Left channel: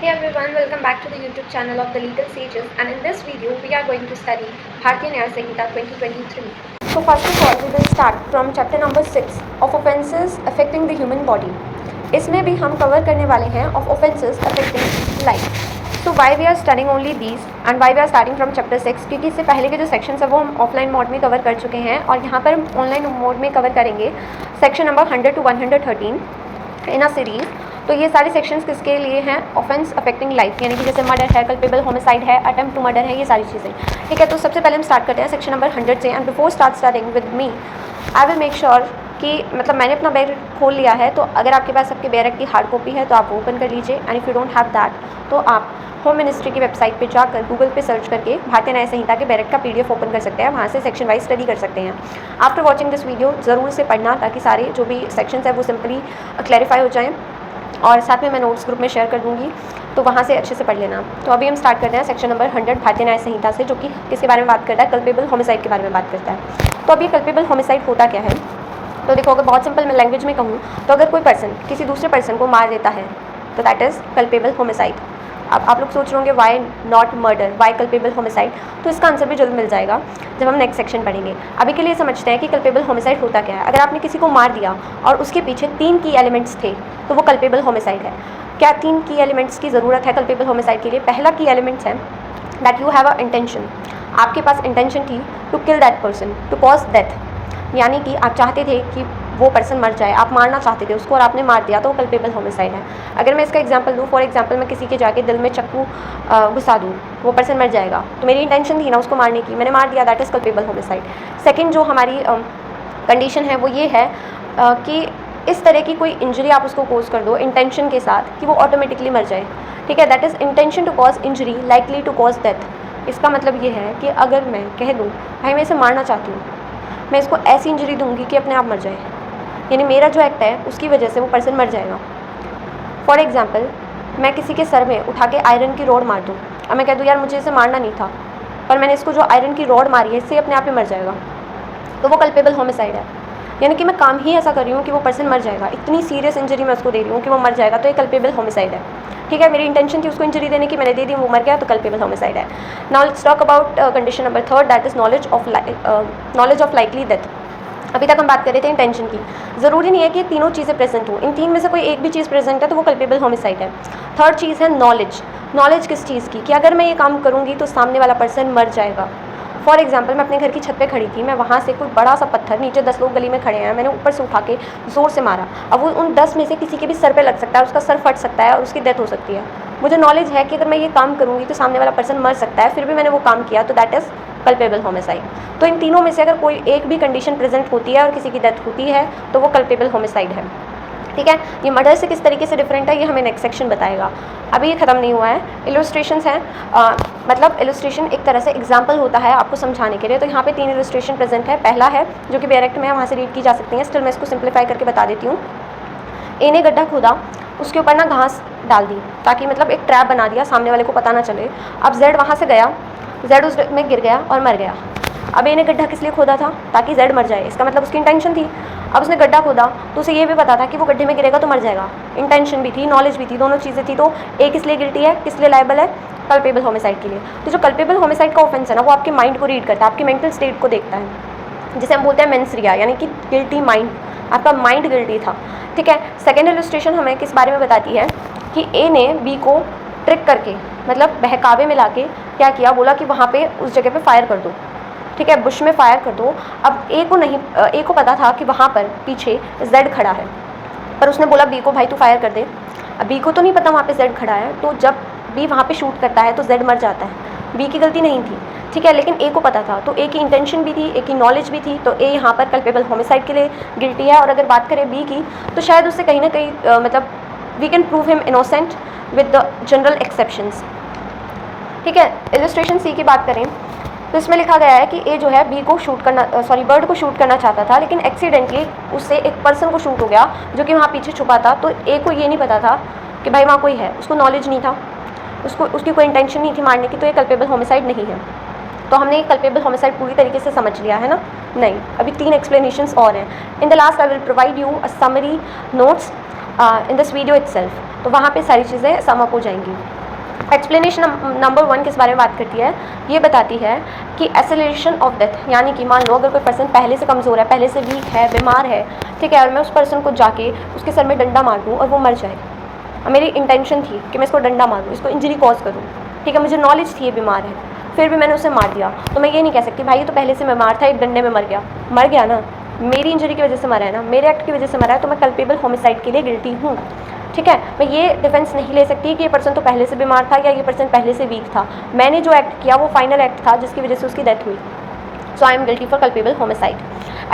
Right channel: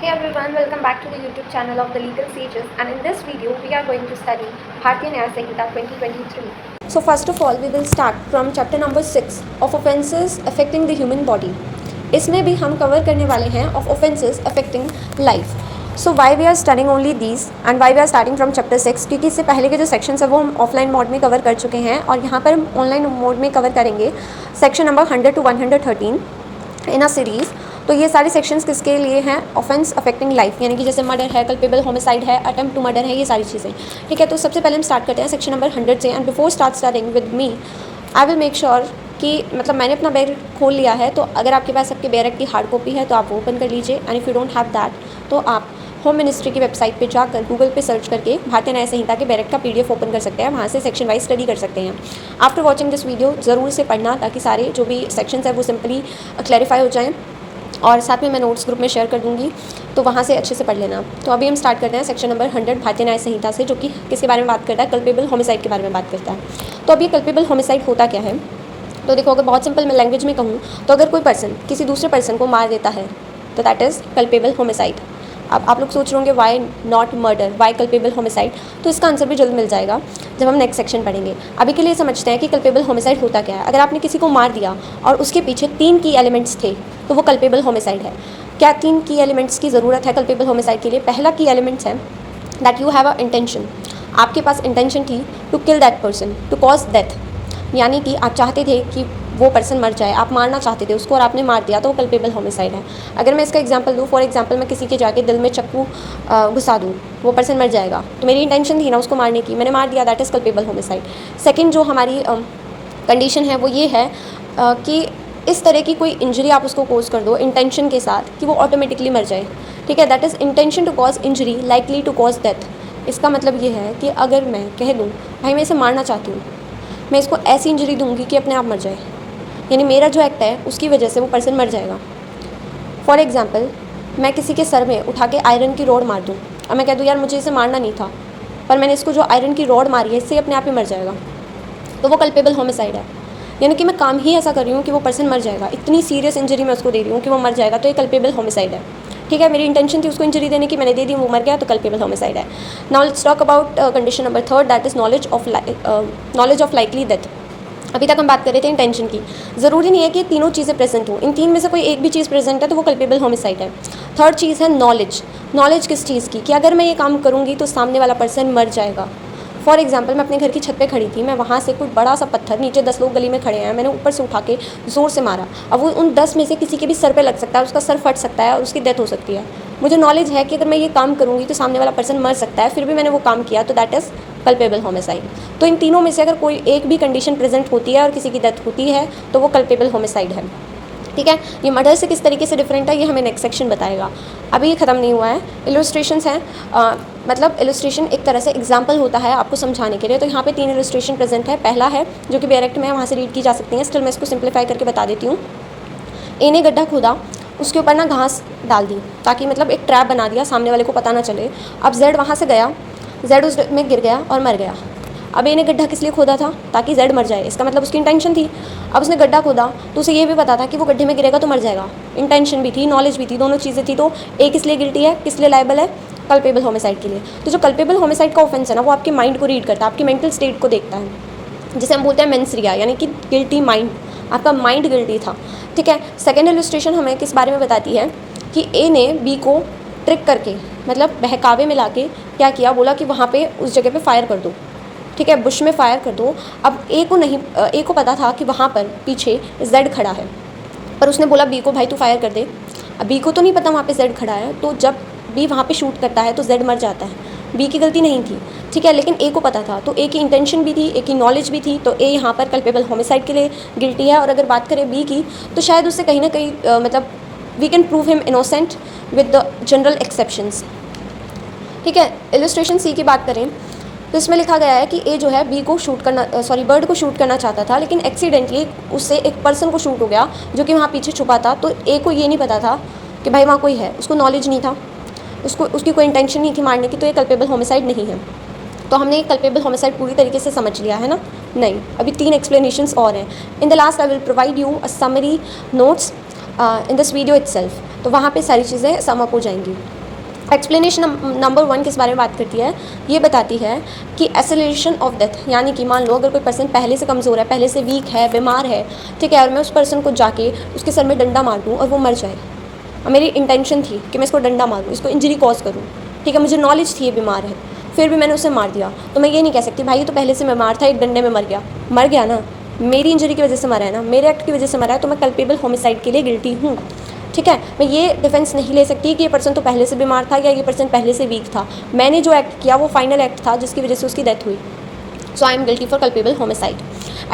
Hey everyone, welcome back to the YouTube channel of the Legal Sages, and in this video we are going to study Bharatiya Nyaya Samhita 2023. So first of all we will start from chapter number 6 of offences affecting the human body. इसमें भी हम cover करने वाले हैं of offences affecting life. So why we are studying only these and why we are starting from chapter 6, क्योंकि इससे पहले के जो सेक्शंस है वो हम ऑफलाइन मोड में कवर कर चुके हैं और यहाँ पर हम ऑनलाइन मोड में कवर करेंगे section number 100 to 113 in a series. तो ये सारे सेक्शंस किसके लिए हैं? ऑफेंस अफेक्टिंग लाइफ, यानी कि जैसे मर्डर है, कल्पेबल होमिसाइड है, अटेम्प्ट टू मर्डर है, ये सारी चीज़ें. ठीक है, तो सबसे पहले हम स्टार्ट करते हैं सेक्शन नंबर 100 से. And before starting with me I will make sure कि मतलब मैंने अपना बैग खोल लिया है, तो अगर आपके पास आपके बैरक की हार्ड कॉपी है तो आप वो ओपन कर लीजिए. And if you don't have that तो आप होम मिनिस्ट्री की वेबसाइट पे जाकर गूगल पे सर्च करके भारतीय न्याय संहिता के बैरक का PDF ओपन कर सकते हैं. वहाँ से सेक्शन वाइज स्टडी कर सकते हैं. आफ्टर वॉचिंग दिस वीडियो ज़रूर से पढ़ना ताकि सारे जो भी सेक्शंस है वो सिंपली क्लैरिफाई हो जाएँ. और साथ में मैं नोट्स ग्रुप में शेयर कर दूँगी, तो वहाँ से अच्छे से पढ़ लेना. तो अभी हम स्टार्ट करते हैं सेक्शन नंबर 100 भारतीय न्याय संहिता से, जो कि किसके बारे में बात करता है? कल्पेबल होमिसाइड के बारे में बात करता है. तो अभी कल्पेबल होमिसाइड होता क्या है? तो देखो, अगर बहुत सिंपल मैं लैंग्वेज में कहूँ तो अगर कोई पर्सन किसी दूसरे पर्सन को मार देता है तो दैट इज़ कल्पेबल होमिसाइड. अब आप लोग सोच रहे होंगे why not murder, why culpable homicide? तो इसका आंसर भी जल्द मिल जाएगा जब हम नेक्स्ट सेक्शन पढ़ेंगे. अभी के लिए समझते हैं कि कल्पेबल होमिसाइड होता क्या है. अगर आपने किसी को मार दिया और उसके पीछे 3 की एलिमेंट्स थे तो वो कल्पेबल होमिसाइड है. क्या 3 की एलिमेंट्स की ज़रूरत है कल्पेबल होमिसाइड के लिए? पहला की एलिमेंट्स है that you have a intention. आपके पास इंटेंशन थी to kill that person, to cause death, यानी कि आप चाहते थे कि वो पर्सन मर जाए, आप मारना चाहते थे उसको और आपने मार दिया, तो वो कल्पेबल होमिसाइड है. अगर मैं इसका एग्जांपल दूँ, फॉर एग्जांपल मैं किसी के जाके दिल में चाकू घुसा दूँ, वो पर्सन मर जाएगा, तो मेरी इंटेंशन थी ना उसको मारने की, मैंने मार दिया, that is culpable homicide. Second जो हमारी कंडीशन है वो ये है कि इस तरह की कोई इंजरी आप उसको कोज कर दो इंटेंशन के साथ कि वो ऑटोमेटिकली मर जाए. ठीक है, that is intention to cause injury likely to cause death. इसका मतलब ये है कि अगर मैं कह दूँ भाई मैं इसे मारना चाहती हूँ, मैं इसको ऐसी इंजरी दूंगी कि अपने आप मर जाए, यानी मेरा जो एक्ट है उसकी वजह से वो पर्सन मर जाएगा. फॉर एग्जांपल मैं किसी के सर में उठा के आयरन की रॉड मार दूँ और मैं कह दूँ यार मुझे इसे मारना नहीं था, पर मैंने इसको जो आयरन की रॉड मारी है इससे अपने आप ही मर जाएगा, तो वो कल्पेबल होमिसाइड है. यानी कि मैं काम ही ऐसा कर रही हूँ कि वो पर्सन मर जाएगा, इतनी सीरियस इंजरी मैं उसको दे रही हूँ कि वो मर जाएगा, तो ये कल्पेबल होमिसाइड है. ठीक है, मेरी इंटेंशन थी उसको इंजरी देने की, मैंने दे दी, वो मर गया, तो कल्पेबल होमिसाइड है. Now let's talk about condition number 3, that is knowledge of likely death. अभी तक हम बात कर रहे थे इंटेंशन की. ज़रूरी नहीं है कि ये तीनों चीज़ें प्रेजेंट हो, इन 3 में से कोई एक भी चीज़ प्रेजेंट है तो वो कल्पेबल होमिसाइड है. थर्ड चीज़ है नॉलेज. नॉलेज किस चीज़ की? कि अगर मैं ये काम करूँगी तो सामने वाला पर्सन मर जाएगा. फॉर एग्जाम्पल मैं अपने घर की छत पे खड़ी थी, मैं वहाँ से कोई बड़ा सा पत्थर, नीचे 10 लोग गली में खड़े हैं, मैंने ऊपर से उठा के ज़ोर से मारा. अब वो उन 10 में से किसी के भी सर पे लग सकता है, उसका सर फट सकता है और उसकी डेथ हो सकती है. मुझे नॉलेज है कि अगर मैं ये काम करूँगी तो सामने वाला पर्सन मर सकता है, फिर भी मैंने वो काम किया, तो दैट इज़ कल्पेबल होमिसाइड. तो इन तीनों में से अगर कोई एक भी कंडीशन प्रेजेंट होती है और किसी की डेथ होती है तो वो कल्पेबल होमिसाइड है. ठीक है, ये मर्डर से किस तरीके से डिफरेंट है ये हमें नेक्स्ट सेक्शन बताएगा. अभी ये ख़त्म नहीं हुआ है. इलस्ट्रेशंस हैं, मतलब इलस्ट्रेशन एक तरह से एग्जांपल होता है आपको समझाने के लिए. तो यहाँ पे 3 इलस्ट्रेशन प्रेजेंट है. पहला है जो कि डायरेक्ट में वहाँ से रीड की जा सकती हैं, स्टिल मैं इसको सिंप्लीफाई करके बता देती हूँ. ए ने गड्ढा खोदा, उसके ऊपर ना घास डाल दी ताकि मतलब एक ट्रैप बना दिया, सामने वाले को पता ना चले. अब जेड वहाँ से गया, जेड उस में गिर गया और मर गया. अब ए ने गड्ढा किस लिए खोदा था? ताकि जेड मर जाए, इसका मतलब उसकी इंटेंशन थी. अब उसने गड्ढा खोदा तो उसे ये भी पता था कि वो गड्ढे में गिरेगा तो मर जाएगा. इंटेंशन भी थी, नॉलेज भी थी, दोनों चीज़ें थी. तो ए किस लिए गिल्टी है, किस लिए लायबल है? कल्पेबल होमिसाइड के लिए. तो जो कल्पेबल होमिसाइड का ऑफेंस है ना, वो आपके माइंड को रीड करता है, आपके मेंटल स्टेट को देखता है, जिसे हम बोलते हैं मेंस रिया, यानी कि गिल्टी माइंड. आपका माइंड गिल्टी था. ठीक है. सेकेंड इलस्ट्रेशन हमें किस बारे में बताती है कि ए ने बी को ट्रिक करके, मतलब बहकावे में ला के क्या किया, बोला कि वहाँ पे उस जगह पे फायर कर दो. ठीक है, बुश में फायर कर दो. अब ए को पता था कि वहाँ पर पीछे जेड खड़ा है, पर उसने बोला बी को भाई तू फायर कर दे. अब बी को तो नहीं पता वहाँ पे जेड खड़ा है, तो जब बी वहाँ पे शूट करता है तो जेड मर जाता है. बी की गलती नहीं थी. ठीक है, लेकिन ए को पता था, तो ए की इंटेंशन भी थी, ए की नॉलेज भी थी, तो ए यहाँ पर कल्पेबल होमिसाइड के लिए गिल्टी है. और अगर बात करें बी की, तो शायद उससे कहीं ना कहीं मतलब we can prove him innocent with the general exceptions. ठीक है. इलस्ट्रेशन सी की बात करें तो इसमें लिखा गया है कि ए जो है बी को शूट करना, बर्ड को शूट करना चाहता था, लेकिन एक्सीडेंटली उससे एक पर्सन को शूट हो गया जो कि वहाँ पीछे छुपा था. तो ए को ये नहीं पता था कि भाई वहाँ कोई है, उसको नॉलेज नहीं था, उसकी कोई इंटेंशन नहीं थी मारने की, तो ये कल्पेबल होमिसाइड नहीं है. तो हमने ये कल्पेबल होमिसाइड पूरी तरीके से समझ लिया है ना? नहीं, अभी 3 एक्सप्लेनेशंस और हैं. In the last I will provide you a summary notes in this video itself. तो वहाँ पे सारी चीज़ें सम अप हो जाएंगी। एक्सप्लेनेशन नंबर 1 किस बारे में बात करती है, ये बताती है कि एक्सेलरेशन ऑफ डेथ, यानी कि मान लो अगर कोई पर्सन पहले से कमज़ोर है, पहले से वीक है, बीमार है, ठीक है, और मैं उस पर्सन को जाके उसके सर में डंडा मार दूँ और वो मर जाए, और मेरी इंटेंशन थी कि मैं इसको डंडा मारूँ, इसको इंजरी कॉज करूँ, ठीक है, मुझे नॉलेज थी ये बीमार है, फिर भी मैंने उसे मार दिया, तो मैं ये नहीं कह सकती भाई ये तो पहले से बीमार था, एक डंडे में मर गया ना, मेरी इंजरी की वजह से मरा है ना, मेरे एक्ट की वजह से मरा है, तो मैं कल्पेबल होमिसाइड के लिए गिल्टी हूँ, ठीक है। मैं ये डिफेंस नहीं ले सकती कि ये पर्सन तो पहले से बीमार था या ये पर्सन पहले से वीक था, मैंने जो एक्ट किया वो फाइनल एक्ट था जिसकी वजह से उसकी डेथ हुई, so I am guilty for culpable homicide.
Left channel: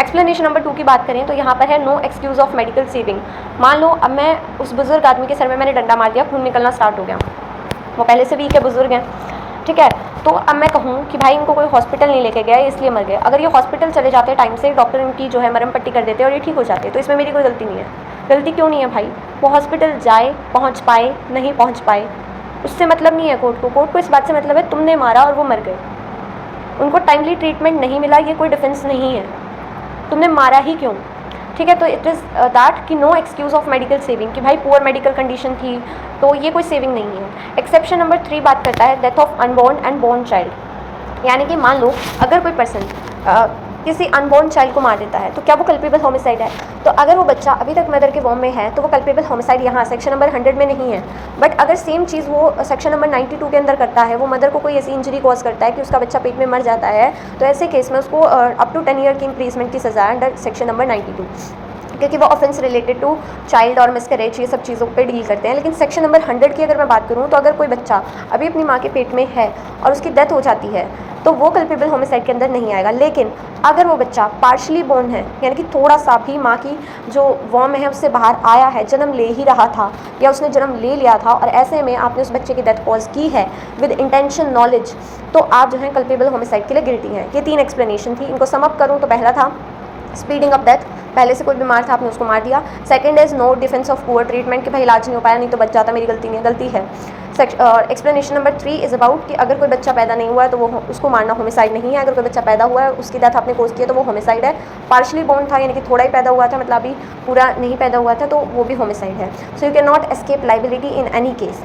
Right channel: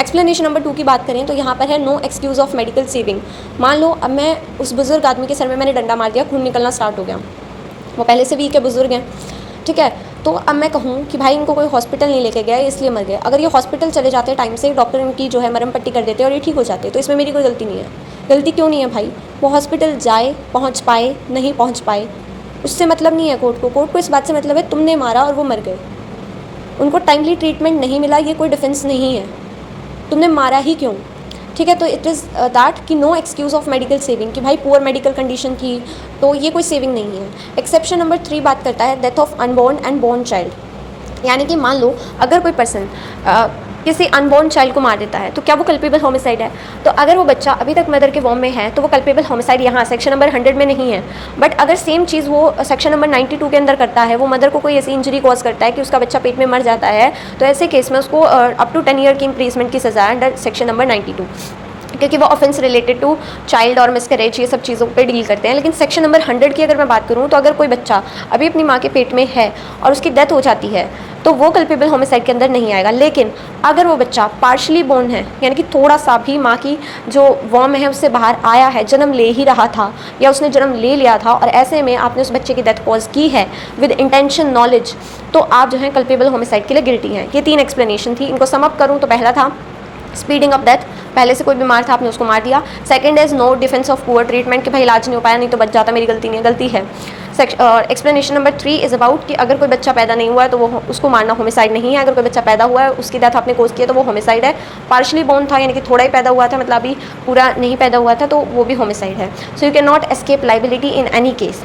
Explanation number 2 की बात करें तो यहाँ पर है no excuse of medical saving. मान लो अब मैं उस बुजुर्ग आदमी के सर में मैंने डंडा मार दिया, खून निकलना स्टार्ट हो गया, वो पहले से वीक है, बुजुर्ग हैं, ठीक है, तो अब मैं कहूँ कि भाई इनको कोई हॉस्पिटल नहीं लेके गया इसलिए मर गए, अगर ये हॉस्पिटल चले जाते टाइम से, डॉक्टर इनकी जो है मरहम पट्टी कर देते और ये ठीक हो जाते, तो इसमें मेरी कोई गलती नहीं है। गलती क्यों नहीं है भाई, वो हॉस्पिटल जाए, पहुँच पाए, नहीं पहुँच पाए, उससे मतलब नहीं है कोर्ट को इस बात से मतलब है तुमने मारा और वो मर गए, उनको टाइमली ट्रीटमेंट नहीं मिला, ये कोई डिफेंस नहीं है, तुमने मारा ही क्यों, ठीक है। तो इट इज़ दैट कि no excuse of medical saving, कि भाई पुअर मेडिकल कंडीशन थी तो ये कोई सेविंग नहीं है। एक्सेप्शन नंबर 3 बात करता है death of unborn and born child, यानी कि मान लो अगर कोई पर्सन किसी अनबॉर्न चाइल्ड को मार देता है तो क्या वो कल्पेबल होमिसाइड है, तो अगर वो बच्चा अभी तक मदर के वॉर्म में है तो वो कल्पेबल होमिसाइड यहाँ सेक्शन नंबर 100 में नहीं है। बट अगर सेम चीज़ वो सेक्शन नंबर 92 के अंदर करता है, वो मदर को कोई ऐसी इंजरी कॉज करता है कि उसका बच्चा पेट में मर जाता है, तो ऐसे केस में उसको अप टू 10 ईयर की इम्प्रीजमेंट की सज़ा है अंडर सेक्शन नंबर 92, क्योंकि वो ऑफेंस रिलेटेड टू चाइल्ड और मिसकैरेज ये सब चीज़ों पे डील करते हैं। लेकिन सेक्शन नंबर 100 की अगर मैं बात करूँ तो अगर कोई बच्चा अभी अपनी माँ के पेट में है और उसकी डेथ हो जाती है तो वो कल्पेबल होमिसाइड के अंदर नहीं आएगा। लेकिन अगर वो बच्चा पार्शली बोर्न है, यानी कि थोड़ा सा भी माँ की जो वॉर्म है उससे बाहर आया है, जन्म ले ही रहा था या उसने जन्म ले लिया था, और ऐसे में आपने उस बच्चे की डेथ कॉज की है विद इंटेंशन नॉलेज, तो आप जो है कल्पेबल होमिसाइड के लिए गिल्टी हैं। ये 3 एक्सप्लेनेशन थी, इनको समअप करूँ तो पहला था स्पीडिंग ऑफ डेथ, पहले से कोई बीमार था आपने उसको मार दिया। Second is no defence of poor treatment, कि भाई इलाज नहीं हो पाया नहीं तो बच जाता, मेरी गलती नहीं है, गलती है। एक्सप्लेनेशन नंबर 3 इज अबाउट कि अगर कोई बच्चा पैदा नहीं हुआ है तो वो उसको मारना होमिसाइड नहीं है, अगर कोई बच्चा पैदा हुआ है उसकी डेथ आपने कोज किया तो वो होमिसाइड है। पार्शली बोर्न था यानी कि थोड़ा ही पैदा हुआ था, मतलब अभी पूरा नहीं पैदा हुआ था, तो वो भी होमिसाइड है। So you can not escape liability in any case.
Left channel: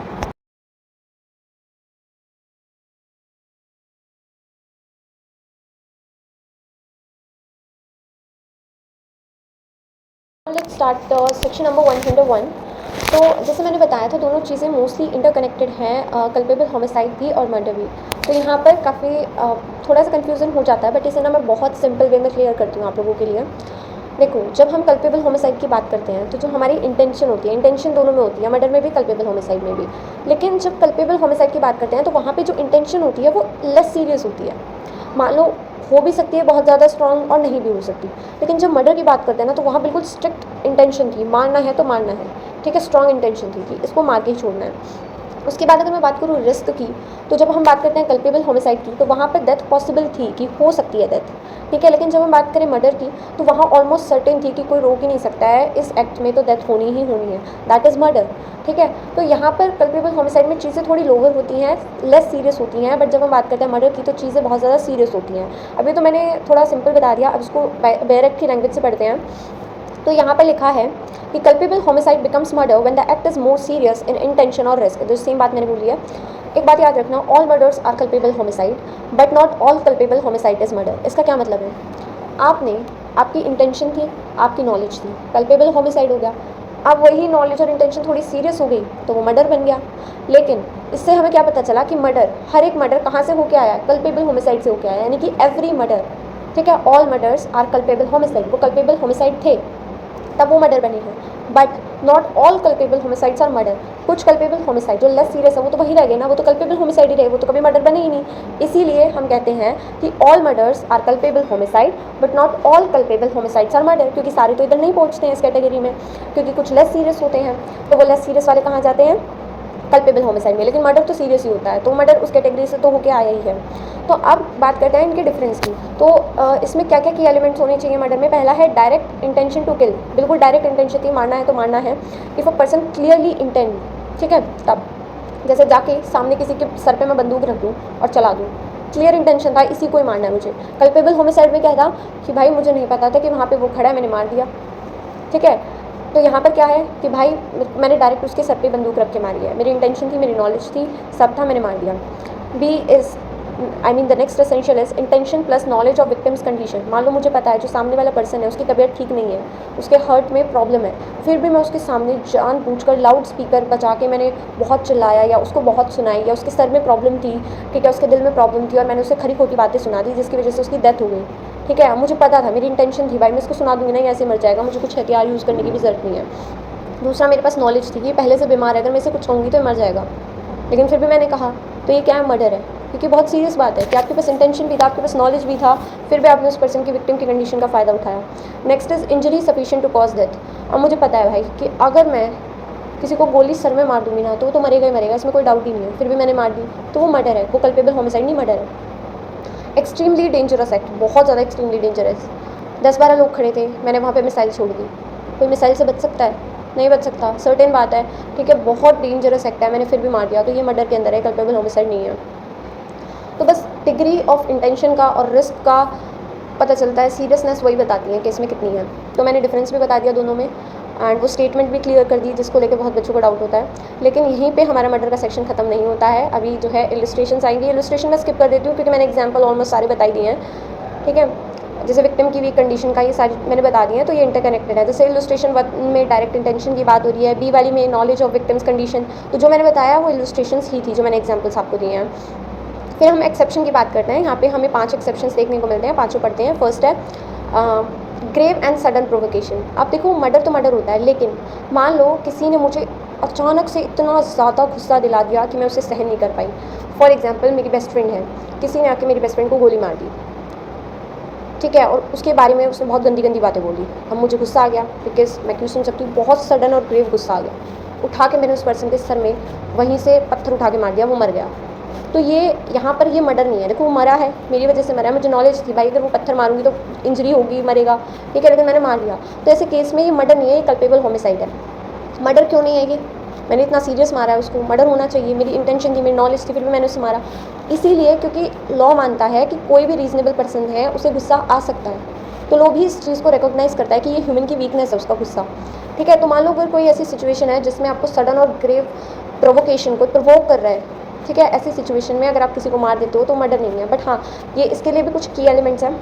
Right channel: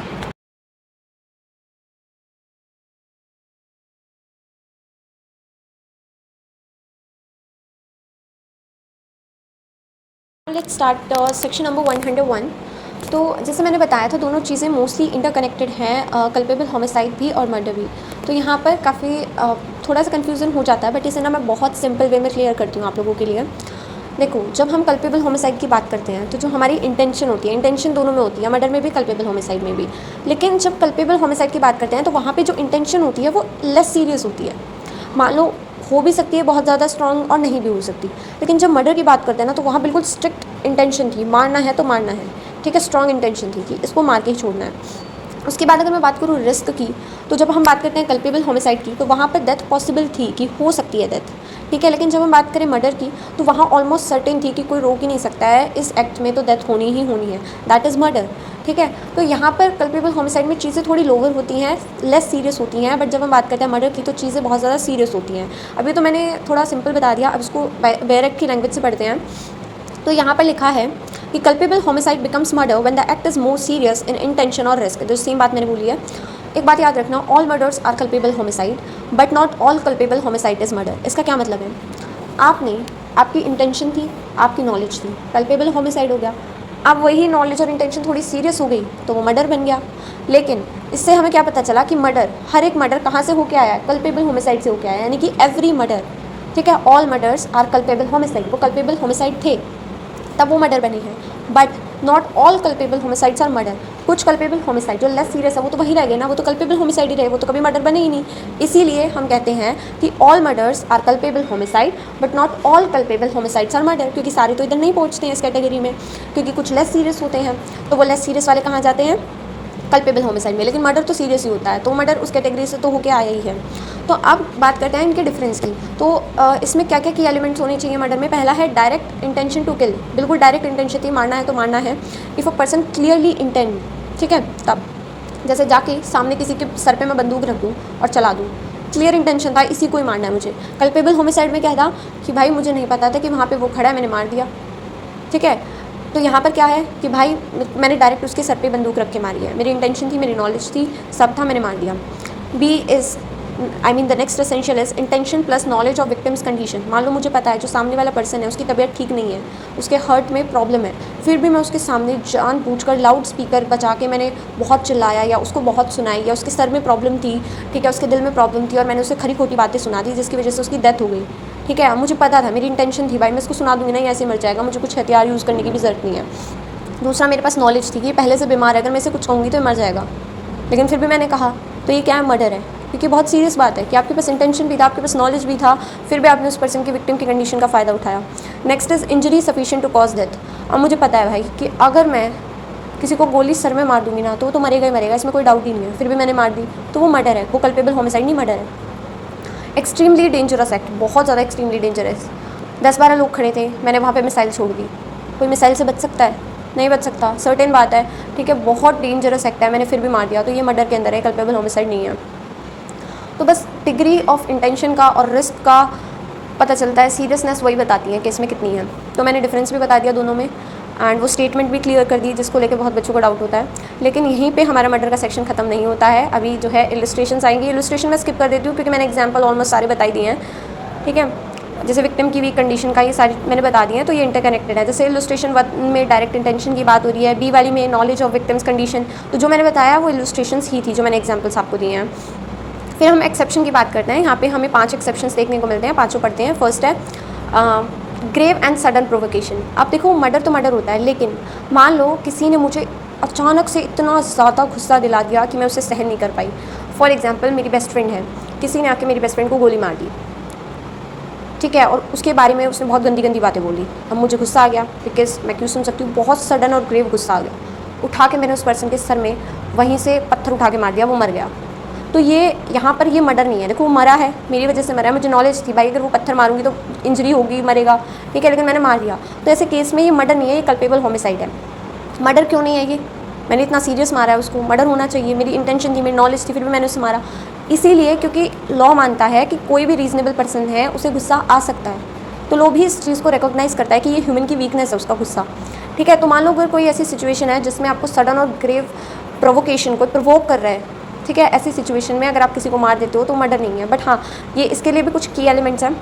Let's start section number 101। तो जैसे मैंने बताया था दोनों चीज़ें मोस्टली इंटरकनेक्टेड हैं, कल्पेबल होमिसाइड भी और मर्डर भी। तो यहाँ पर काफ़ी थोड़ा सा कन्फ्यूज़न हो जाता है, बट इसे ना मैं बहुत सिंपल वे में क्लियर करती हूँ आप लोगों के लिए। देखो, जब हम कल्पेबल होमिसाइड की बात करते हैं तो जो हमारी इंटेंशन होती है, इंटेंशन दोनों में होती है, मर्डर में भी कल्पेबल होमिसाइड में भी। लेकिन जब कल्पेबल होमिसाइड की बात करते हैं तो वहाँ पे जो इंटेंशन होती है वो लेस सीरियस होती है। मान लो हो भी सकती है बहुत ज़्यादा स्ट्रॉन्ग और नहीं भी हो सकती, लेकिन जब मर्डर की बात करते हैं ना तो वहाँ बिल्कुल स्ट्रिक्ट इंटेंशन थी, मारना है तो मारना है, ठीक है, स्ट्रॉन्ग इंटेंशन थी कि इसको मार के ही छोड़ना है। उसके बाद अगर मैं बात करूँ रिस्क की, तो जब हम बात करते हैं कल्पेबल होमिसाइड की तो वहाँ पर डेथ पॉसिबल थी कि हो सकती है डेथ, ठीक है। लेकिन जब हम बात करें मर्डर की तो वहाँ ऑलमोस्ट सर्टेन थी कि कोई रोक ही नहीं सकता है, इस एक्ट में तो डेथ होनी ही होनी है, दैट इज़ मर्डर, ठीक है। तो यहाँ पर कल्पेबल होमिसाइड में चीज़ें थोड़ी लोअर होती हैं, लेस सीरियस होती हैं, बट जब हम बात करते हैं मर्डर की तो चीज़ें बहुत ज़्यादा सीरियस होती हैं। अभी तो मैंने थोड़ा सिंपल बता दिया, अब इसको बेयर एक्ट की लैंग्वेज से पढ़ते हैं। तो यहाँ पर लिखा है कि culpable homicide becomes murder when the act is more serious in intention और रिस्क। जो सेम बात मैंने बोली है, एक बात याद रखना, all murders are culpable homicide but not all culpable homicide is murder. इसका क्या मतलब है, आपकी इंटेंशन थी, आपकी नॉलेज थी, कल्पेबल होमिसाइड हो गया। अब वही नॉलेज और इंटेंशन थोड़ी सीरियस हो गई तो वो मर्डर बन गया। लेकिन इससे हमें क्या पता चला कि मर्डर, हर एक मर्डर कहाँ से होके आया है, कल्पेबल होमिसाइड से होके आया है, यानी कि एवरी मर्डर, ठीक है, all murders are culpable homicide. वो कल्पेबल होमिसाइड थे तब वो मर्डर बनी है, but not all culpable homicides are murder. कुछ कल्पेबल होमिसाइड जो लेस सीरियस है वो तो वही रह गए ना, वो तो कल्पेबल होमिसाइड ही रहे, वो तो कभी मर्डर बने ही नहीं। इसीलिए हम कहते हैं कि all murders are culpable homicide but not all culpable homicides are murder, क्योंकि सारे तो इधर नहीं पहुँचते हैं इस कैटेगरी में, क्योंकि कुछ लेस सीरियस होते हैं, तो वो लेस सीरियस वाले कहाँ जाते हैं, कल्पेबल होमिसाइड में। लेकिन मर्डर तो सीरियस ही होता है, तो मर्डर उस कैटेगरी से तो होके आया ही है। तो अब बात करते हैं इनके डिफरेंस की। तो इसमें क्या क्या की एलिमेंट्स होने चाहिए मर्डर में। पहला है डायरेक्ट इंटेंशन टू किल, बिल्कुल डायरेक्ट इंटेंशन थी, मारना है तो मारना है। If a person clearly intend, ठीक है, तब जैसे जाके सामने किसी के सर पे मैं बंदूक रख दूँ और चला दूँ, क्लियर इंटेंशन था इसी को ही मारना है मुझे। कल्पेबल होमिसाइड में क्या था कि भाई मुझे नहीं पता था कि वहाँ पे वो खड़ा है, मैंने मार दिया, ठीक है। तो यहाँ पर क्या है कि भाई मैंने डायरेक्ट उसके सर पे बंदूक रख के मारी है, मेरी इंटेंशन थी, मेरी नॉलेज थी, सब था, मैंने मार दिया। B is the next essential is intention plus knowledge of victim's condition. मान लो मुझे पता है जो सामने वाला पर्सन है उसकी तबीयत ठीक नहीं है, उसके हार्ट में प्रॉब्लम है, फिर भी मैं उसके सामने जानबूझकर लाउड स्पीकर बजा के मैंने बहुत चिल्लाया या उसको बहुत सुनाई, या उसके सर में प्रॉब्लम थी, ठीक है, उसके दिल में प्रॉब्लम थी और मैंने उसे खरी खोटी बातें सुना दी जिसकी वजह से उसकी डेथ हो गई। ठीक है, मुझे पता था, मेरी इंटेंशन थी भाई मैं इसको सुना दूंगी ना, ऐसे मर जाएगा, मुझे कुछ हथियार यूज़ करने की भी ज़रूरत नहीं है। दूसरा, मेरे पास नॉलेज थी कि पहले से बीमार है, अगर मैं इसे कुछ कहूँगी तो मर जाएगा, लेकिन फिर भी मैंने कहा। तो ये क्या है? मर्डर है। क्योंकि बहुत सीरियस बात है कि आपके पास इंटेंशन भी था, आपके पास नॉलेज भी था, फिर भी आपने उस पर्सन की विक्टिम की कंडीशन का फ़ायदा उठाया। Next is injury sufficient to cause death. अब मुझे पता है भाई कि अगर मैं किसी को गोली सर में मार दूंगी ना तो वो तो मरेगा ही मरेगा, इसमें कोई डाउट ही नहीं है, फिर भी मैंने मार दी तो वो मर्डर है, वो कल्पेबल होमिसाइड नहीं, मर्डर है। एक्सट्रीमली डेंजरस एक्ट, बहुत ज़्यादा एक्सट्रीमली डेंजरस। 10-12 लोग खड़े थे, मैंने वहाँ पे मिसाइल छोड़ दी। कोई मिसाइल से बच सकता है? नहीं बच सकता, सर्टेन बात है। ठीक है, बहुत डेंजरस एक्ट है, मैंने फिर भी मार दिया तो ये मर्डर के अंदर है, कल्पेबल होमिसाइड नहीं है। तो बस डिग्री ऑफ इंटेंशन का और रिस्क का पता चलता है, सीरियसनेस वही बताती है कि इसमें कितनी है। तो मैंने डिफरेंस भी बता दिया दोनों में, एंड वो स्टेटमेंट भी क्लियर कर दी जिसको लेकर बहुत बच्चों को डाउट होता है। लेकिन यहीं पे हमारा मर्डर का सेक्शन खत्म नहीं होता है, अभी जो है इलस्ट्रेशंस आएंगी। इलस्ट्रेशन मैं स्किप कर देती हूँ क्योंकि मैंने एग्जाम्पल ऑलमोस्ट सारे बताई दिए हैं। ठीक है, जैसे विक्टिम की वीक कंडीशन का ये सारी मैंने बता दी है, तो ये इंटरकनेक्टेड है। जैसे इलस्ट्रेशन 1 में डायरेक्ट इंटेंशन की बात हो रही है, बी वाली में नॉलेज ऑफ विक्टिम्स कंडीशन, तो जो मैंने बताया वो इलस्ट्रेशंस ही थी जो मैंने एग्जाम्पल्स आपको दिए हैं। फिर हम एक्सेप्शन की बात करते हैं। यहाँ पे हमें 5 एक्सेप्शंस देखने को मिलते हैं, पाँचों पढ़ते हैं। फर्स्ट है ग्रेव एंड सडन प्रोवोकेशन। अब देखो मर्डर तो मर्डर होता है, लेकिन मान लो किसी ने मुझे अचानक से इतना ज़्यादा गुस्सा दिला दिया कि मैं उसे सहन नहीं कर पाई। फॉर एग्जाम्पल मेरी बेस्ट फ्रेंड है, किसी ने आके मेरी बेस्ट फ्रेंड को गोली मार दी, ठीक है, और उसके बारे में उसने बहुत गंदी गंदी बातें बोली। अब मुझे गुस्सा आ गया, बिकॉज मैं क्यों सुन सकती हूँ, बहुत सडन और ग्रेव गुस्सा आ गया। उठा के मैंने उस पर्सन के सर में वहीं से पत्थर उठा के मार दिया, वो मर गया। तो ये यहाँ पर ये मर्डर नहीं है। देखो वो मरा है, मेरी वजह से मरा है, मुझे नॉलेज थी भाई अगर वो पत्थर मारूंगी तो इंजरी होगी, मरेगा, ठीक है, लेकिन मैंने मार दिया। तो ऐसे केस में ये मर्डर नहीं है, ये कल्पेबल होमिसाइड है। मर्डर क्यों नहीं है? ये मैंने इतना सीरियस मारा है उसको, मर्डर होना चाहिए, मेरी इंटेंशन थी, मेरी नॉलेज थी, फिर भी मैंने उसे मारा। इसीलिए क्योंकि लॉ मानता है कि कोई भी रीजनेबल पर्सन है उसे गुस्सा आ सकता है, तो लोग भी इस चीज़ को रिकॉग्नाइज़ करता है कि ये ह्यूमन की वीकनेस है उसका गुस्सा। ठीक है, तो मान लो अगर कोई ऐसी सिचुएशन है जिसमें आपको सडन और ग्रेव प्रोवोकेशन को प्रोवोक कर रहा है, ठीक है, ऐसी सिचुएशन में अगर आप किसी को मार देते हो तो मर्डर नहीं है। बट हाँ, ये इसके लिए भी कुछ की एलिमेंट्स हैं।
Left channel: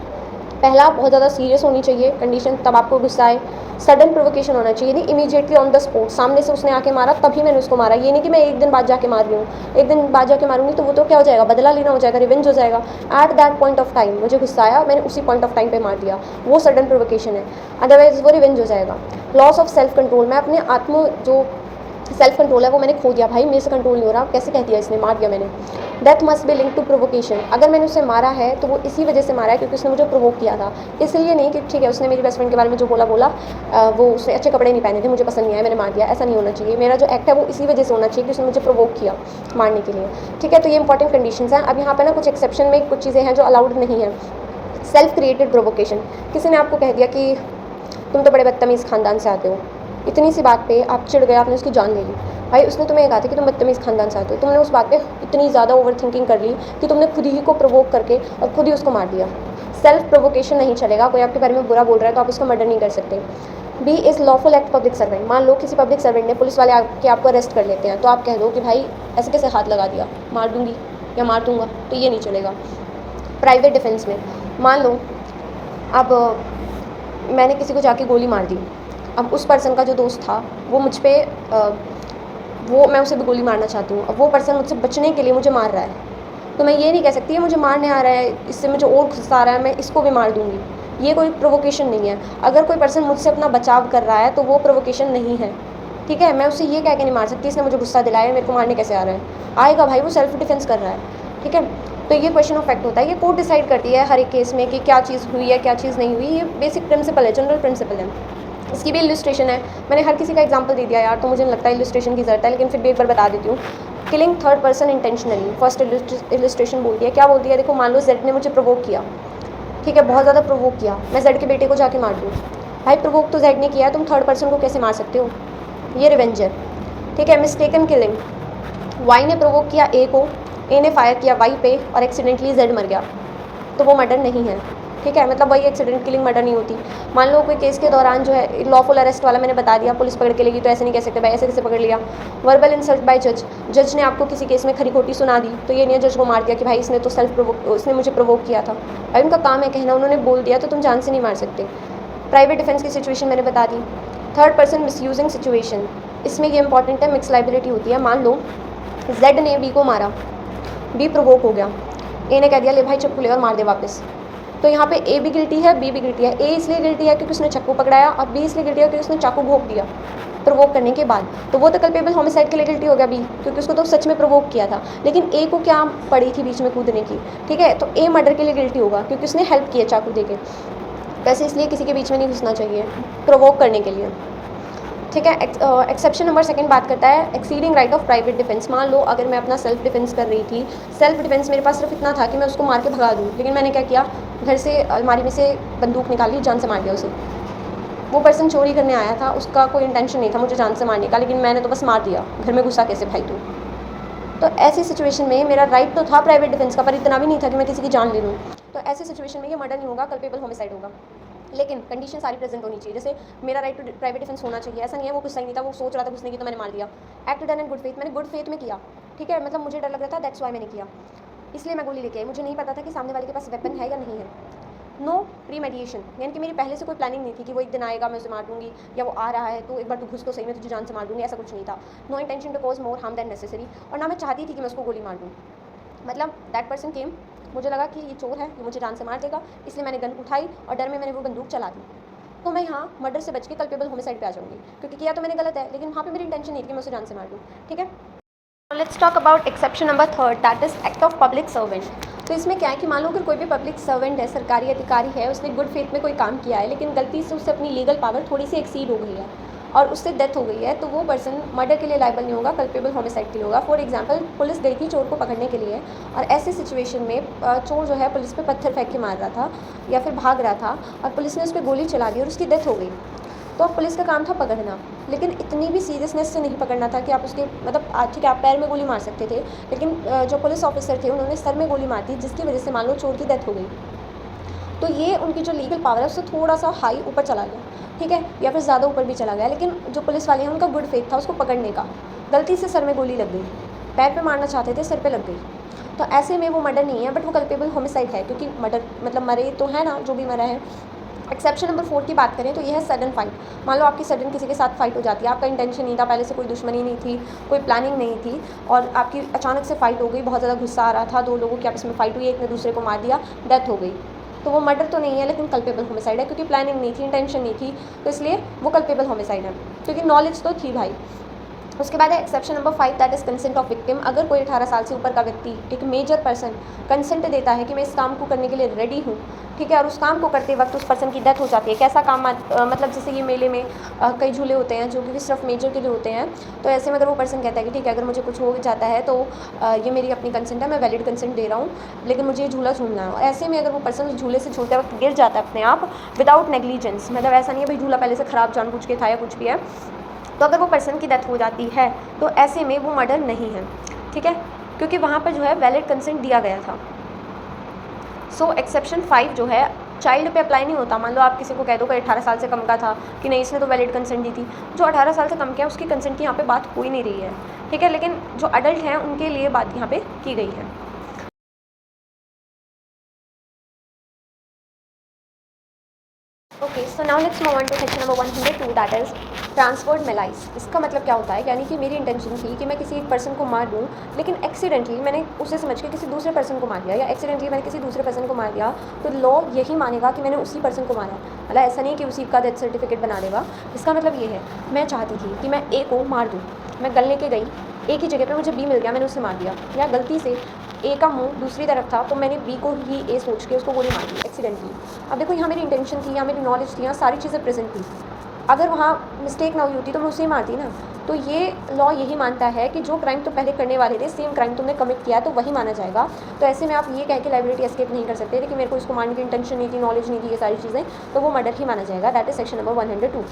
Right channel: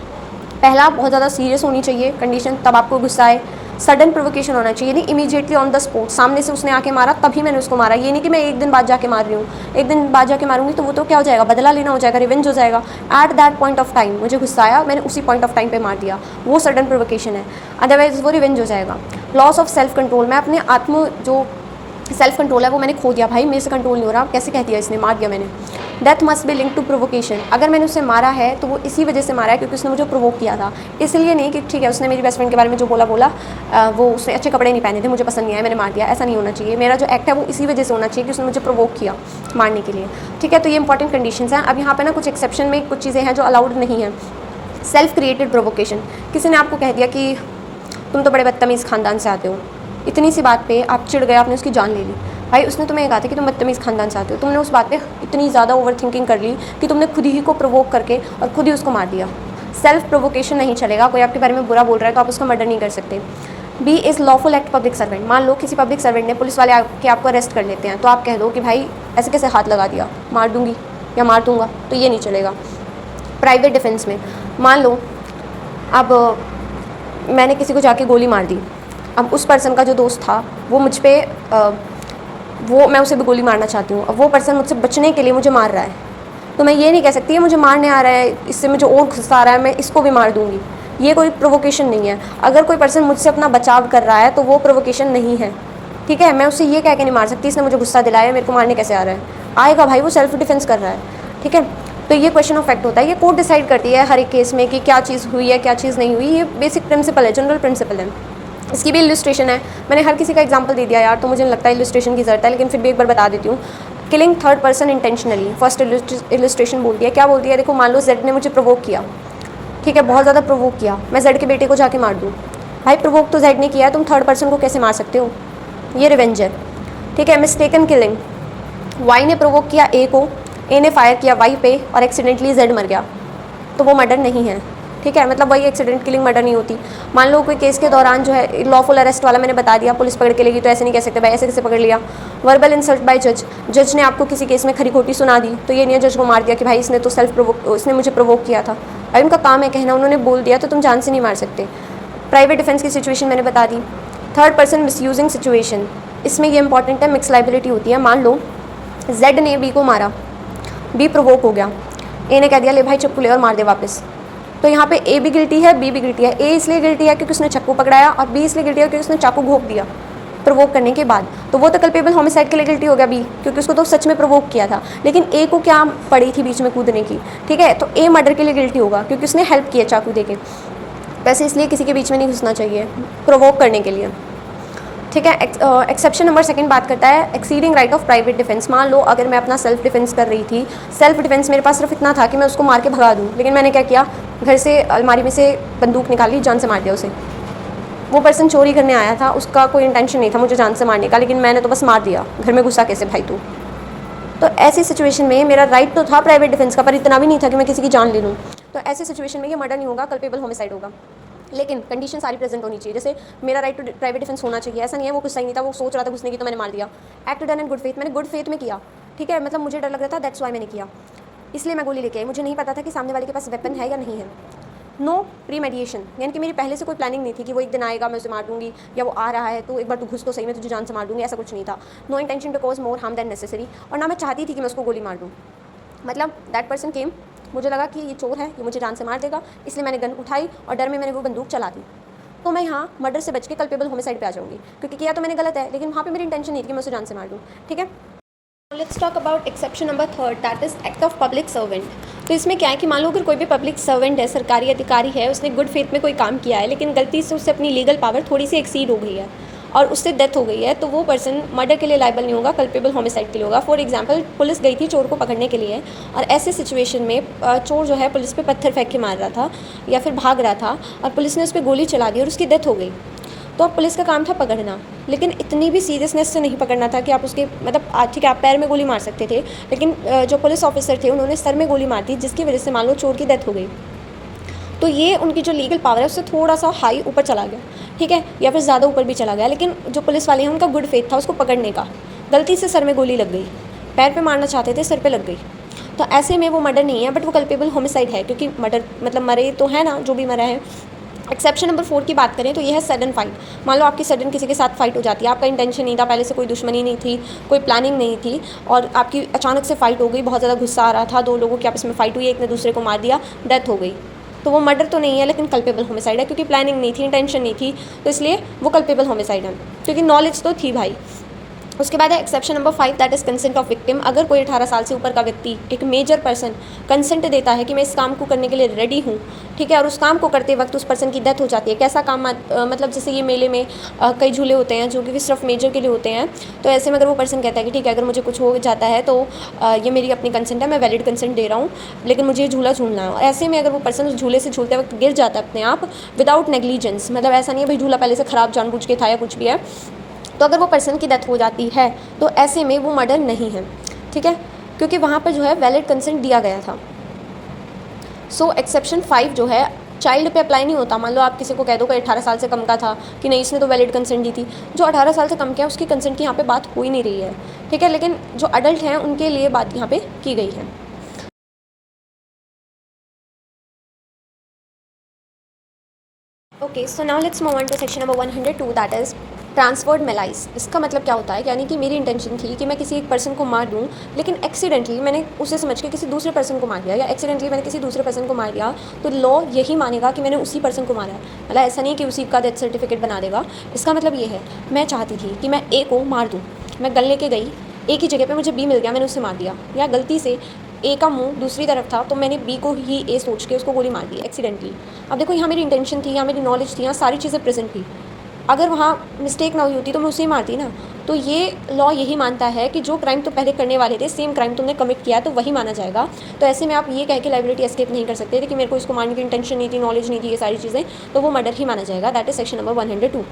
पहला, बहुत ज़्यादा सीरियस होनी चाहिए कंडीशन, तब आपको गुस्सा आए। सडन प्रोवोकेशन होना चाहिए, नहीं इमीडिएटली ऑन द स्पॉट, सामने से उसने आके मारा तभी मैंने उसको मारा। ये नहीं कि मैं एक दिन बाद जाके मार रही हूँ, एक दिन बाद जाके मारूंगी तो वो तो क्या हो जाएगा, बदला लेना हो जाएगा, रिवेंज हो जाएगा। At that point of time मुझे गुस्सा आया, मैंने उसी पॉइंट ऑफ टाइम पे मार दिया, वो सडन प्रोवोकेशन है, अदरवाइज वो रिवेंज हो जाएगा। लॉस ऑफ सेल्फ कंट्रोल, मैं अपने आत्म जो सेल्फ कंट्रोल है वो मैंने खो दिया, भाई मेरे से कंट्रोल नहीं हो रहा, कैसे कह दिया इसने, मार दिया मैंने। Death must be link to provocation, अगर मैंने उसे मारा है तो वो इसी वजह से मारा है क्योंकि उसने मुझे प्रोवोक किया था, इसलिए नहीं कि ठीक है उसने मेरी बेस्ट फ्रेंड के बारे में जो बोला वो उसने अच्छे कपड़े नहीं पहने थे, मुझे पसंद नहीं आया, मैंने मार दिया, ऐसा नहीं होना चाहिए। मेरा जो एक्ट है वो इसी वजह से होना चाहिए कि उसने मुझे प्रोवोक किया मारने के लिए। ठीक है, तो ये इंपॉर्टेंट कंडीशंस हैं। अब यहाँ पे ना कुछ एक्सेप्शन में कुछ चीज़ें हैं जो अलाउड नहीं है। सेल्फ क्रिएटेड प्रोवोकेशन, किसी ने आपको कह दिया कि तुम तो बड़े बदतमीज़ खानदान से आते हो, इतनी सी बात पे आप चिढ़ गए, आपने उसकी जान ले ली। भाई उसने तुम्हें ये कहा था कि तुम बदतमीज़ खानदान से आते हो, तुमने उस बात पे इतनी ज़्यादा ओवर थिंकिंग कर ली कि तुमने खुद ही को प्रोवोक करके और खुद ही उसको मार दिया। सेल्फ प्रोवोकेशन नहीं चलेगा, कोई आपके बारे में बुरा बोल रहा है तो आप उसको मर्डर नहीं कर सकते। B is lawful act public servant, मान लो किसी पब्लिक सर्वेंट ने, पुलिस वाले आके आपको अरेस्ट कर लेते हैं तो आप कह दो कि भाई ऐसे कैसे हाथ लगा दिया, मार दूंगी या मार दूंगा, तो ये नहीं चलेगा। प्राइवेट डिफेंस में, मान लो अब मैंने किसी को जाके गोली मार दी, अब उस पर्सन का जो दोस्त था वो मुझ पर मैं उसे भी गोली मारना चाहती हूँ, अब वो पर्सन मुझसे बचने के लिए मुझे मार रहा है, तो मैं ये नहीं कह सकती है मुझे मारने आ रहा है, इससे मुझे और गुस्सा आ रहा है, मैं इसको भी मार दूँगी। ये कोई प्रोवोकेशन नहीं है। अगर कोई पर्सन मुझसे अपना बचाव कर रहा है तो वो प्रोवोकेशन नहीं है। ठीक है, मैं उसे ये कह के नहीं मार सकती इसने मुझे गुस्सा दिलाया, मेरे को मारने कैसे आ रहा है, आएगा भाई, वो सेल्फ डिफेंस कर रहा है। ठीक है, तो ये क्वेश्चन ऑफ फैक्ट होता है, ये कोर्ट डिसाइड करती है हर एक केस में कि क्या चीज़ हुई है क्या चीज़ नहीं हुई। ये बेसिक प्रिंसिपल है, जनरल प्रिंसिपल है। इसकी भी इलस्ट्रेशन है, मैंने हर किसी का एग्जांपल दे दिया यार, तो मुझे लगता है इलस्ट्रेशन की ज़रूरत है, लेकिन फिर भी एक बार बता देती हूँ। Killing third person intentionally, first illustration बोलती है, क्या बोलती है, देखो मान लो जेड ने मुझे प्रोवोक किया, ठीक है, बहुत ज़्यादा प्रोवोक किया, मैं जेड के बेटे को जाके मार दूँ, भाई प्रोवोक तो जेड ने किया है, तुम थर्ड पर्सन को कैसे मार सकते हो, ये रिवेंज है। ठीक है, मिस्टेकन किलिंग, वाई ने प्रोवोक किया ए को, ए ने फायर किया वाई पे और एक्सीडेंटली जेड मर गया, तो वो मर्डर नहीं है। ठीक ठीक है, मतलब वही एक्सीडेंट किलिंग मर्डर नहीं होती। मान लो कोई केस के दौरान जो है लॉफुल अरेस्ट वाला मैंने बता दिया, पुलिस पकड़ के लेगी, तो ऐसे नहीं कह सकते भाई ऐसे कैसे पकड़ लिया। वर्बल इंसल्ट बाय जज, जज ने आपको किसी केस में खरी खोटी सुना दी, तो ये नहीं है जज को मार दिया कि भाई इसने तो उसने मुझे प्रोवोक किया था। भाई उनका काम है कहना, उन्होंने बोल दिया तो तुम जान से नहीं मार सकते। प्राइवेट डिफेंस की सिचुएशन मैंने बता दी। थर्ड पर्सन मिसयूजिंग सिचुएशन, इसमें ये इंपॉर्टेंट है, मिक्स लाइबिलिटी होती है। मान लो जेड ने बी को मारा, बी प्रोवोक हो गया, ए ने कह दिया ले भाई चप्पू ले और मार दे वापस, तो यहाँ पे ए भी गिल्टी है, बी भी गिल्टी है। ए इसलिए गिल्टी है क्योंकि उसने चाकू पकड़ाया, और बी इसलिए गिल्टी है क्योंकि उसने चाकू भोंक दिया प्रोवोक करने के बाद, तो वो तो कल्पेबल होमिसाइड के लिए गिल्टी हो गया बी, क्योंकि उसको तो सच में प्रोवोक किया था। लेकिन ए को क्या पड़ी थी बीच में कूदने की, ठीक है, तो ए मर्डर के लिए गिल्टी होगा क्योंकि उसने हेल्प किया चाकू देके। वैसे इसलिए किसी के बीच में नहीं घुसना चाहिए प्रोवोक करने के लिए, ठीक है। एक्सेप्शन नंबर सेकंड बात करता है exceeding right of private defence. मान लो अगर मैं अपना सेल्फ डिफेंस कर रही थी, सेल्फ डिफेंस मेरे पास सिर्फ इतना था कि मैं उसको मार के भगा दूँ, लेकिन मैंने क्या किया, घर से अलमारी में से बंदूक निकाली, जान से मार दिया उसे। वो पर्सन चोरी करने आया था, उसका कोई इंटेंशन नहीं था मुझे जान से मारने का, लेकिन मैंने तो बस मार दिया, घर में घुसा कैसे भाई तू। तो ऐसी सिचुएशन में मेरा राइट तो था प्राइवेट डिफेंस का, पर इतना भी नहीं था कि मैं किसी की जान ले लूँ। तो ऐसी सिचुएशन में ये मर्डर नहीं होगा, कल्पेबल होमिसाइड होगा। लेकिन कंडीशन सारी प्रेजेंट होनी चाहिए, जैसे मेरा राइट टू प्राइवेट डिफेंस होना चाहिए, ऐसा नहीं है वो कुछ सही नहीं था, वो सोच रहा था घुसने की तो मैंने मार दिया। Act done in good faith, मैंने गुड फेथ में किया, ठीक है, मतलब मुझे डर लग रहा था, दैट्स वाई मैंने किया, इसलिए मैं गोली लेके आई, मुझे नहीं पता था कि सामने वाले के पास वेपन है या नहीं है। नो प्री मेडिएशन, यानी कि मेरी पहले से कोई प्लानिंग नहीं थी कि वो एक दिन आएगा मैं उसे मार दूंगी, या वो आ रहा है तो एक बार तू घुस तो सही, मैं तुझे जान से मार दूंगी, ऐसा कुछ नहीं था। No intention to cause more harm than necessary, और ना मैं चाहती थी कि मैं उसको गोली मार दूँ, मतलब दैट पर्सन केम, मुझे लगा कि ये चोर है, ये मुझे जान से मार देगा, इसलिए मैंने गन उठाई और डर में मैंने वो बंदूक चला दी। तो मैं यहाँ मर्डर से बच के कल्पेबल होमिसाइड पे आ जाऊँगी, क्योंकि किया तो मैंने गलत है, लेकिन वहाँ पे मेरी इंटेंशन नहीं थी कि मैं उसे जान से मार दूँ, ठीक है। Let's talk about exception number third, that is act of public servant. तो इसमें क्या है कि मान लो अगर कोई भी पब्लिक सर्वेंट है, सरकारी अधिकारी है, उसने गुड फेथ में कोई काम किया है, लेकिन गलती से उससे अपनी लीगल पावर थोड़ी सी एक्सीड हो गई है और उससे डेथ हो गई है, तो वो पर्सन मर्डर के लिए लाइबल नहीं होगा, कल्पेबल होमिसाइड के लिए होगा। फॉर एग्जांपल पुलिस गई थी चोर को पकड़ने के लिए, और ऐसे सिचुएशन में चोर जो है पुलिस पे पत्थर फेंक के मार रहा था या फिर भाग रहा था, और पुलिस ने उस पर गोली चला दी और उसकी डेथ हो गई। तो अब पुलिस का काम था पकड़ना, लेकिन इतनी भी सीरियसनेस से नहीं पकड़ना था कि आप उसके मतलब ठीक है आप पैर में गोली मार सकते थे, लेकिन जो पुलिस ऑफिसर थे उन्होंने सर में गोली मार दी, जिसकी वजह से मान लो चोर की डेथ हो गई। तो ये उनकी जो लीगल पावर है उससे थोड़ा सा हाई ऊपर चला गया, ठीक है, या फिर ज़्यादा ऊपर भी चला गया। लेकिन जो पुलिस वाले हैं उनका गुड फेथ था उसको पकड़ने का, गलती से सर में गोली लग गई, पैर पे मारना चाहते थे सर पे लग गई, तो ऐसे में वो मर्डर नहीं है, बट वो कल्पेबल होमिसाइड है, क्योंकि मर्डर मतलब मरे तो है ना जो भी मरा है। एक्सेप्शन नंबर 4 की बात करें तो ये है सडन फाइट। मान लो आपकी सडन किसी के साथ फाइट हो जाती है, आपका इंटेंशन नहीं था, पहले से कोई दुश्मनी नहीं थी, कोई प्लानिंग नहीं थी, और आपकी अचानक से फाइट हो गई, बहुत ज़्यादा गुस्सा आ रहा था, दो लोगों की आपस में फाइट हुई, एक ने दूसरे को मार दिया, डेथ हो गई, तो वो मर्डर तो नहीं है लेकिन कल्पेबल होमिसाइड है, क्योंकि प्लानिंग नहीं थी, इंटेंशन नहीं थी, तो इसलिए वो कल्पेबल होमिसाइड है, क्योंकि नॉलेज तो थी भाई। उसके बाद है exception number 5, that is consent of victim. अगर कोई 18 साल से ऊपर का व्यक्ति, एक मेजर पर्सन, कंसेंट देता है कि मैं इस काम को करने के लिए रेडी हूँ, ठीक है, और उस काम को करते वक्त उस पर्सन की डेथ हो जाती है, कैसा काम मतलब जैसे ये मेले में कई झूले होते हैं जो कि सिर्फ मेजर के लिए होते हैं, तो ऐसे में अगर वो पर्सन कहता है कि ठीक है अगर मुझे कुछ हो जाता है तो ये मेरी अपनी कंसेंट है, मैं वैलिड कंसेंट दे रहा हूँ, लेकिन मुझे ये झूला झूलना है। ऐसे में अगर वो पर्सन उस झूले से झूलते वक्त गिर जाता है अपने आप विदाउट नेग्लिजेंस, मतलब ऐसा नहीं है भाई झूला पहले से ख़राब जानबूझ के था या कुछ भी है, तो अगर वो पर्सन की डेथ हो जाती है तो ऐसे में वो मर्डर नहीं है, ठीक है, क्योंकि वहाँ पर जो है वैलिड कंसेंट दिया गया था। सो एक्सेप्शन 5 जो है चाइल्ड पे अप्लाई नहीं होता। मान लो आप किसी को कह दो कि 18 साल से कम का था कि नहीं इसने तो वैलिड कंसेंट दी थी, जो 18 साल से कम के हैं उसकी कंसेंट की यहाँ पे बात हो ही नहीं रही है, ठीक है, लेकिन जो अडल्ट हैं उनके लिए बात यहाँ पे की गई है। Okay, so now let's move on to section number 102, that is transferred malice. इसका मतलब क्या होता है, यानी कि मेरी इंटेंशन थी कि मैं किसी एक पर्सन को मार दूं, लेकिन एक्सीडेंटली मैंने उसे समझ के किसी दूसरे पर्सन को मार दिया, या एक्सीडेंटली मैंने किसी दूसरे पर्सन को मार दिया, तो लॉ यही मानेगा कि मैंने उसी पर्सन को मारा है। मतलब ऐसा नहीं है कि उसी का डेथ सर्टिफिकेट बना देगा। इसका मतलब ये है, मैं चाहती थी कि मैं ए को मार दूँ, मैं गन लेके गई, ए की जगह पर मुझे बी मिल गया, मैंने उसे मार दिया, या गलती से ए का मुंह दूसरी तरफ था तो मैंने बी को ही ए सोच के उसको गोली मार दी एक्सीडेंटली। अब देखो यहाँ मेरी इंटेंशन थी, यहाँ मेरी नॉलेज थी, यहाँ सारी चीज़ें प्रेजेंट थी, अगर वहाँ मिस्टेक ना हुई होती तो मैं उसे ही मारती ना। तो ये लॉ यही मानता है कि जो क्राइम तो पहले करने वाले थे सेम क्राइम तुमने कमिट किया तो वही माना जाएगा। तो ऐसे में आप ये कह के लाइबिलिटी एस्केप नहीं कर सकते थे कि मेरे को इसको मारने की इंटेंशन नहीं थी, नॉलेज नहीं थी, ये सारी चीज़ें, तो वो मर्डर ही माना जाएगा। That is section number 102।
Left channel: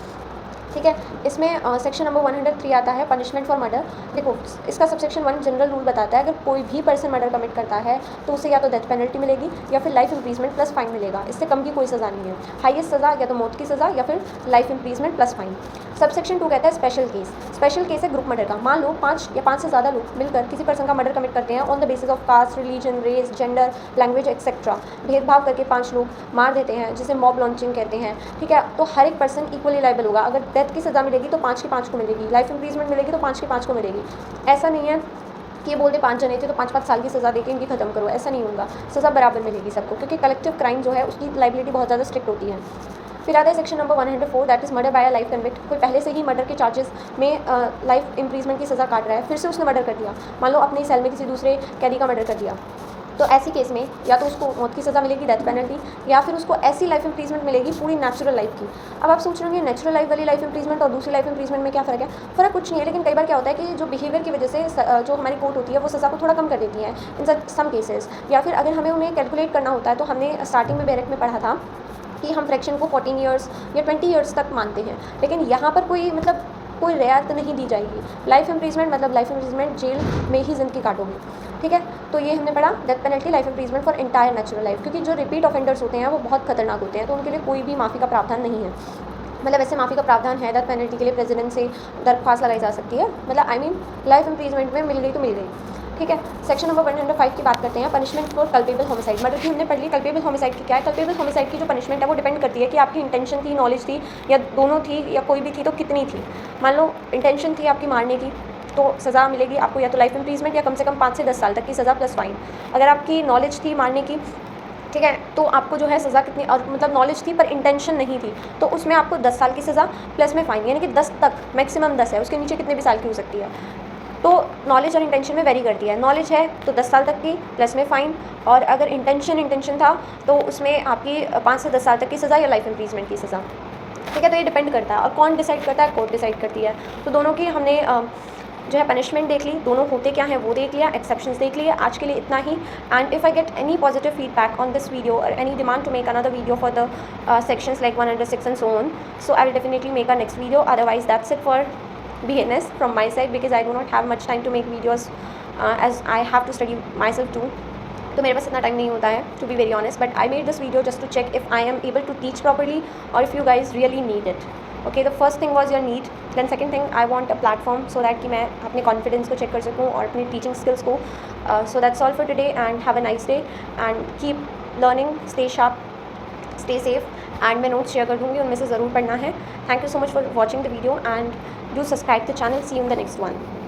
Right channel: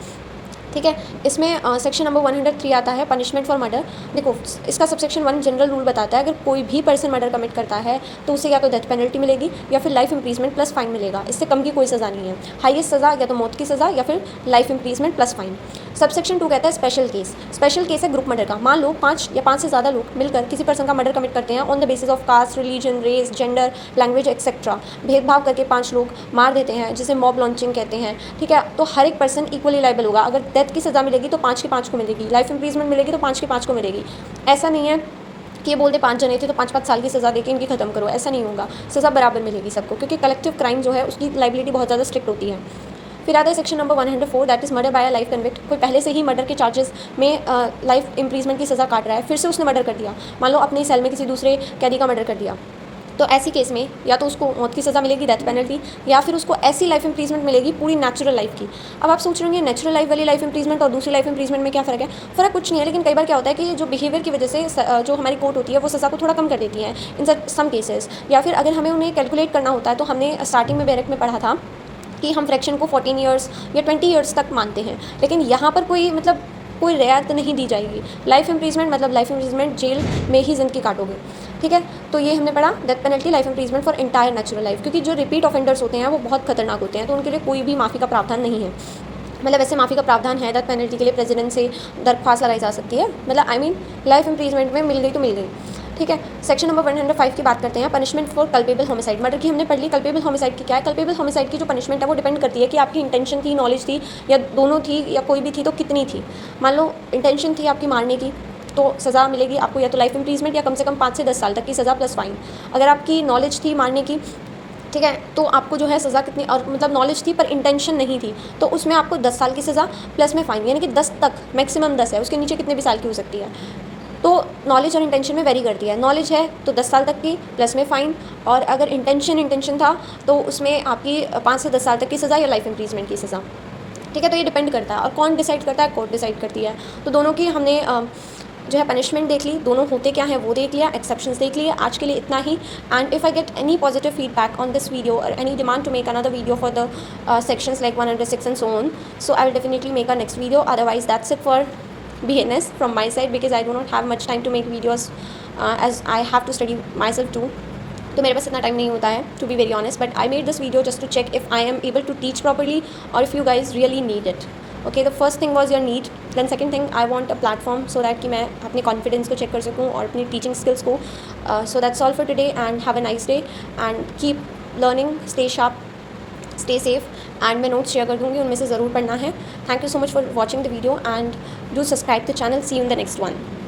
ठीक है। इसमें सेक्शन नंबर 103 आता है पनिशमेंट फॉर मर्डर। देखो, इसका सबसेक्शन 1 जनरल रूल बताता है अगर कोई भी पर्सन मर्डर कमिट करता है तो उसे या तो डेथ पेनल्टी मिलेगी या फिर लाइफ इंप्रीजमेंट प्लस फाइन मिलेगा। इससे कम की कोई सज़ा नहीं है। हाईएस्ट सज़ा या तो मौत की सज़ा या फिर लाइफ इंप्रीजमेंट प्लस फाइन। सबसेक्शन 2 कहता है स्पेशल केस। स्पेशल केस है ग्रुप मर्डर का। मान लो 5 या 5 से ज़्यादा लोग मिलकर किसी पर्सन का मर्डर कमिट करते हैं on the basis of caste, religion, race, gender, language etcetera. भेदभाव करके 5 लोग मार देते हैं, जिसे मॉब लॉन्चिंग कहते हैं। ठीक है, तो हर एक पर्सन इक्वली लाइबल होगा। अगर डेथ की सज़ा मिलेगी तो 5 के 5 को मिलेगी, लाइफ इंप्रीजमेंट मिलेगी तो 5 के 5 को मिलेगी। ऐसा नहीं है कि ये बोलते 5 जने थे तो 5-5 साल की सज़ा देके इनकी खत्म करो, ऐसा नहीं होगा। सज़ा बराबर मिलेगी सबको, क्योंकि कलेक्टिव क्राइम जो है उसकी लाइबिलिटी बहुत ज़्यादा स्ट्रिक्ट होती है। फिर आता है section number 104, that is murder by a life convict. कोई पहले से ही मर्डर के चार्जेस में लाइफ इंप्रीजमेंट की सज़ा काट रहा है, फिर से उसने मर्डर कर दिया। मान लो अपने सेल में किसी दूसरे कैदी का मर्डर कर दिया, तो ऐसी केस में या तो उसको मौत की सज़ा मिलेगी, डेथ पेनल्टी, या फिर उसको ऐसी लाइफ इंप्रीजमेंट मिलेगी पूरी नेचुरल लाइफ की। अब आप सोच रहे होंगे नेचुरल लाइफ वाली लाइफ इंप्रीजमेंट और दूसरी लाइफ इंप्रीजमेंट में क्या फ़र्क है? फ़र्क कुछ नहीं है, लेकिन कई बार क्या होता है कि जो बिहेवियर की वजह से जो हमारी कोर्ट होती है वो सज़ा को थोड़ा कम कर देती है इन सम केसेस। या फिर अगर हमें उन्हें कैलकुलेट करना होता है, तो हमने स्टार्टिंग में बैरक में पढ़ा था कि हम फ्रैक्शन को 14 ईयर्स या 20 ईयर्स तक मानते हैं, लेकिन यहाँ पर कोई रियायत नहीं दी जाएगी। लाइफ इंप्रीजमेंट मतलब लाइफ इंप्रीजमेंट, जेल में ही ज़िंदगी काटोगे। ठीक है, तो ये हमने पढ़ा death penalty, life imprisonment for entire natural life, क्योंकि जो रिपीट ऑफेंडर्स होते हैं वो बहुत खतरनाक होते हैं, तो उनके लिए कोई भी माफ़ी का प्रावधान नहीं है। मतलब ऐसे माफ़ी का प्रावधान है, डेथ पेनल्टी के लिए प्रेसिडेंट से दरख्वास्त लगाई जा सकती है। मतलब लाइफ इंप्रीजमेंट में मिल गई तो मिल गई। ठीक है, सेक्शन नंबर 105 की बात करते हैं, punishment for culpable homicide. Murder की हमने पढ़ ली, कल्पेबल होमिसाइड की क्या है? कल्पेबल होमिसाइड की जो पनिशमेंट है वो डिपेंड करती है कि आपकी इंटेंशन थी, नॉलेज थी, या दोनों थी, या कोई भी थी तो कितनी थी। मान लो इंटेंशन थी आपकी मारने की, तो सज़ा मिलेगी आपको या तो लाइफ इंप्रीजमेंट या कम से कम 5 से 10 साल तक की सज़ा प्लस फाइन। अगर आपकी नॉलेज थी मारने की, ठीक है, तो आपको जो है सज़ा कितनी, और मतलब नॉलेज थी पर इंटेंशन नहीं थी, तो उसमें आपको 10 साल की सज़ा प्लस में फ़ाइन, यानी कि 10 तक, मैक्सिमम 10 है, उसके नीचे कितने भी साल की हो सकती है। तो नॉलेज और इंटेंशन में वेरी करती है। नॉलेज है तो 10 साल तक की प्लस में फ़ाइन, और अगर इंटेंशन था तो उसमें आपकी 5 से 10 साल तक की सज़ा या लाइफ इंप्रीजमेंट की सज़ा। ठीक है, तो ये डिपेंड करता है, और कौन डिसाइड करता है? कोर्ट डिसाइड करती है। तो दोनों की हमने जो है पनिशमेंट देख ली, दोनों होते क्या है वो देख लिया, एक्सेप्शंस देख लिए। आज के लिए इतना ही, and if I get any positive feedback on this video और any demand to make another video for the sections like 106 and so on, so I will definitely make a next video. Otherwise that's it for BNS from my side, because I do not have much time to make videos as I have to study myself too. तो मेरे पास इतना time नहीं होता है, to be very honest, but I made this video just to check if I am able to teach properly और if you guys really need it. Okay, the first thing was your need, then second thing I want a platform so that कि मैं अपने confidence को check कर सकूँ और अपनी teaching skills को। So that's all for today, and have a nice day and keep learning, stay sharp, stay safe, and मैं नोट्स शेयर कर दूँगी, उनमें से ज़रूर पढ़ना है। Thank you so much for watching the video and do subscribe the channel. See you in the next one.